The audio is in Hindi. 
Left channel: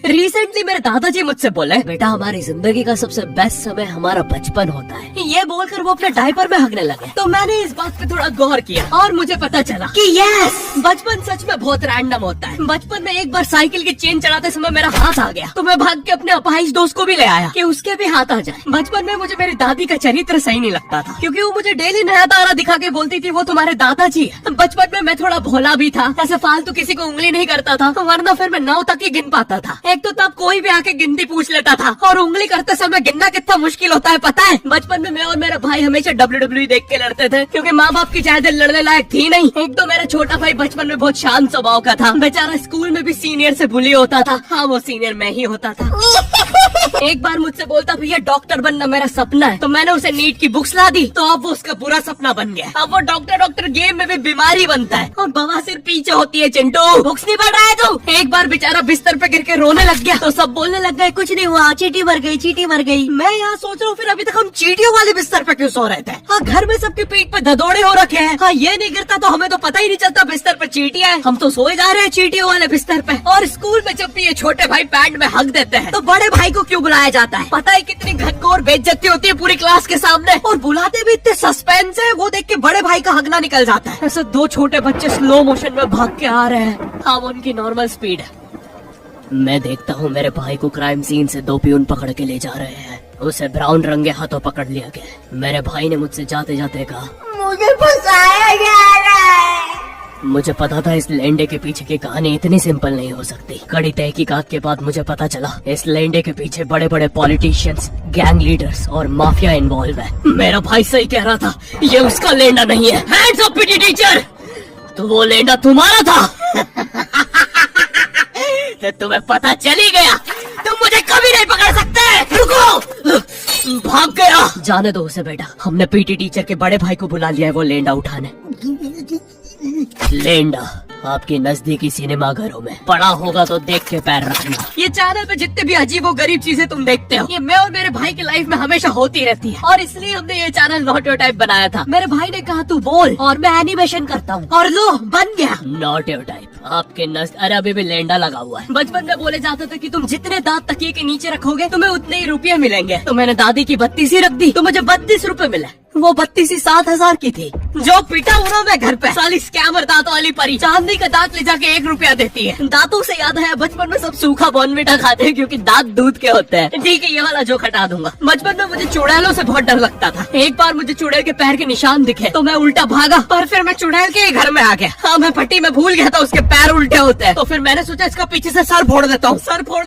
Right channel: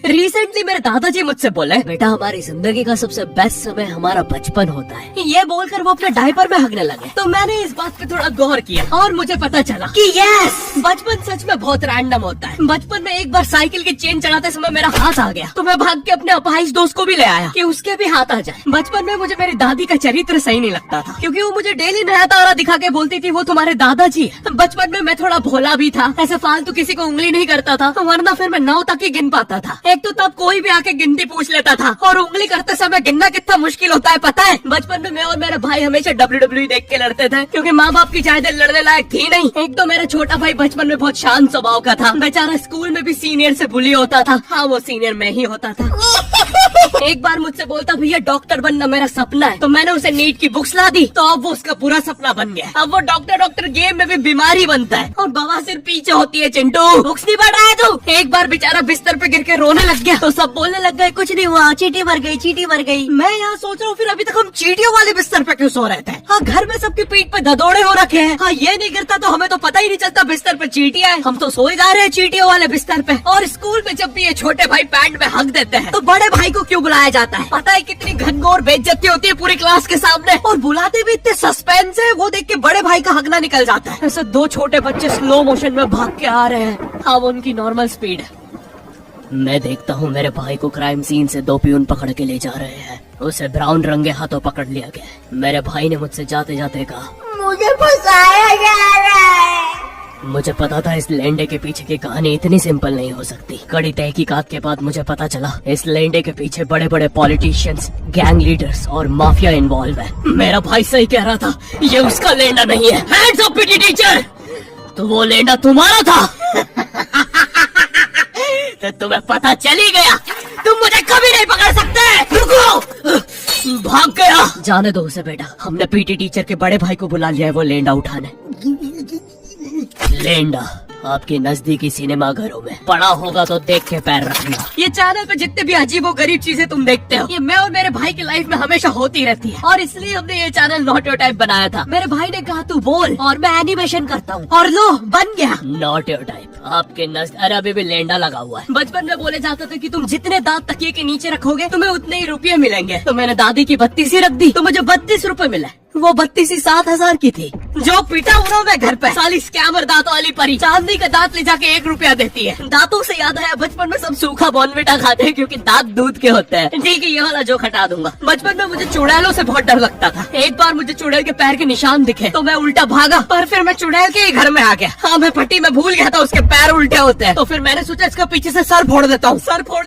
रिसेंटली मेरे दादाजी मुझसे बोले, बेटा हमारी जिंदगी का सबसे बेस्ट समय हमारा बचपन होता है। ये बोलकर वो अपने डायपर में हगने लगे। तो मैंने इस बात पे थोड़ा गौर किया और मुझे पता चला कि यस, बचपन सच में बहुत रैंडम होता है। बचपन में एक बार साइकिल की चेन चढ़ाते समय मेरा हाथ आ गया, तो मैं भाग के अपने अपाहिज दोस्त को भी ले आया कि उसके भी हाथ आ जाए। बचपन में मुझे मेरी दादी का चरित्र सही नहीं लगता था, क्योंकि वो मुझे डेली नया तारा दिखा के बोलती थी वो तुम्हारे दादाजी है। बचपन में मैं थोड़ा भोला भी था, ऐसे फालतू किसी को उंगली नहीं करता था, वरना फिर मैं 9 तक ही गिन पाता था। एक तो तब कोई भी आके गिनती पूछ लेता था, और उंगली करते समय गिनना कितना मुश्किल होता है पता है। बचपन में मैं और मेरा भाई हमेशा WWE देख के लड़ते थे, क्योंकि माँ बाप की चाहते लड़ने लायक थी नहीं। एक तो मेरा छोटा भाई बचपन में बहुत शांत स्वभाव का था, बेचारा स्कूल में भी सीनियर से बुली होता था। हाँ, वो सीनियर मैं ही होता था। एक बार मुझसे बोलता, भैया डॉक्टर बनना मेरा सपना है। तो मैंने उसे नीट की बुक्स ला दी, तो अब वो उसका बुरा सपना बन गया। अब वो डॉक्टर गेम में भी बीमारी बनता है, और बवासीर पीछे होती है। चिंटू बुक्स नहीं पढ़ रहा है तू? एक बार बेचारा बिस्तर पे गिर के रोने लग गया, तो सब बोलने लग गए कुछ नहीं हुआ, चींटी मर गई, चींटी मर गई। मैं यहाँ सोच रहा हूँ फिर अभी तक हम चींटियों वाले बिस्तर पे क्यों सो रहे थे? हाँ, घर में सबकी पीठ पे धदोड़े हो रखे हैं। हाँ, ये नहीं गिरता तो हमें तो पता ही नहीं चलता बिस्तर पे चींटियां हैं। हम तो सोए जा रहे हैं चींटियों वाले बिस्तर पे। और स्कूल में जब भी ये छोटे भाई पैंट में हक देते हैं, तो बड़े भाई को क्यों बुलाया जाता है? पता है कितनी घनघोर बेइज्जती होती है पूरी क्लास के सामने, और बुलाते भी इतने सस्पेंस है, वो देख के बड़े भाई का हगना निकल जाता है। ऐसे 2 छोटे बच्चे स्लो मोशन में भाग के आ रहे हैं। हाँ, वो उनकी नॉर्मल स्पीड है। मैं देखता हूँ मेरे भाई को क्राइम सीन से 2 पियून पकड़ के ले जा रहे हैं। उसे ब्राउन रंगे हाथों पकड़ लिया गया। मेरे भाई ने मुझसे जाते जाते कहा, मुझे फंसाया जा रहा है। मुझे पता था इस लेंडे के पीछे की कहानी इतनी सिंपल नहीं हो सकती। कड़ी तहकीकात के बाद मुझे पता चला इस लेंडे के पीछे बड़े बड़े पॉलिटिशियंस, गैंग लीडर्स और माफिया इन्वॉल्व है। मेरा भाई सही कह रहा था, ये उसका लेंडा नहीं है। हैंड्स अप पीटी टीचर, तो वो लेंडा तुम्हारा था। तो तुम्हें पता चल ही गया, तुम मुझे कभी नहीं पकड़ सकते। रुको, भाग गया। जाने दो उसे बेटा, हमने पीटी टीचर के बड़े भाई को बुला लिया है वो लेंडा उठाने। लेंडा आपकी नजदीकी सिनेमा घरों में पड़ा होगा तो देख के पैर रखना। ये चैनल पे जितने भी अजीबो गरीब चीजें तुम देखते हो, ये मैं और मेरे भाई की लाइफ में हमेशा होती रहती है, और इसलिए हमने ये चैनल नॉट योर टाइप बनाया था। मेरे भाई ने कहा तू बोल और मैं एनिमेशन करता हूँ, और लो बन गया नॉट योर टाइप। आपके नजर अरे अभी भी लेंडा लगा हुआ है। बचपन में बोले जाता था कि तुम जितने दांत तकिए के नीचे रखोगे तुम्हें उतने ही रुपये मिलेंगे। तो मैंने दादी की 32 ही रख दी, तो मुझे 32 रुपए मिले। वो 32 ही 7,000 की थी। जो पीटा हुआ मैं घर पे, साली स्कैमर दांतों वाली परी चांदी का दांत ले जाके 1 रुपया देती है। दांतों से याद है, बचपन में सब सूखा बॉर्नविटा खाते हैं क्योंकि दांत दूध के होते हैं। ठीक है, ये वाला जोक हटा दूंगा। बचपन में मुझे चुड़ैलों से बहुत डर लगता था। एक बार मुझे चुड़ैल के पैर के निशान दिखे, तो मैं उल्टा भागा, पर फिर मैं चुड़ैल के घर में आ गया। हाँ, मैं पट्टी में भूल गया था उसके पैर उल्टे होते हैं, तो फिर मैंने सोचा इसका पीछे से सर फोड़ देता हूँ। सर फोड़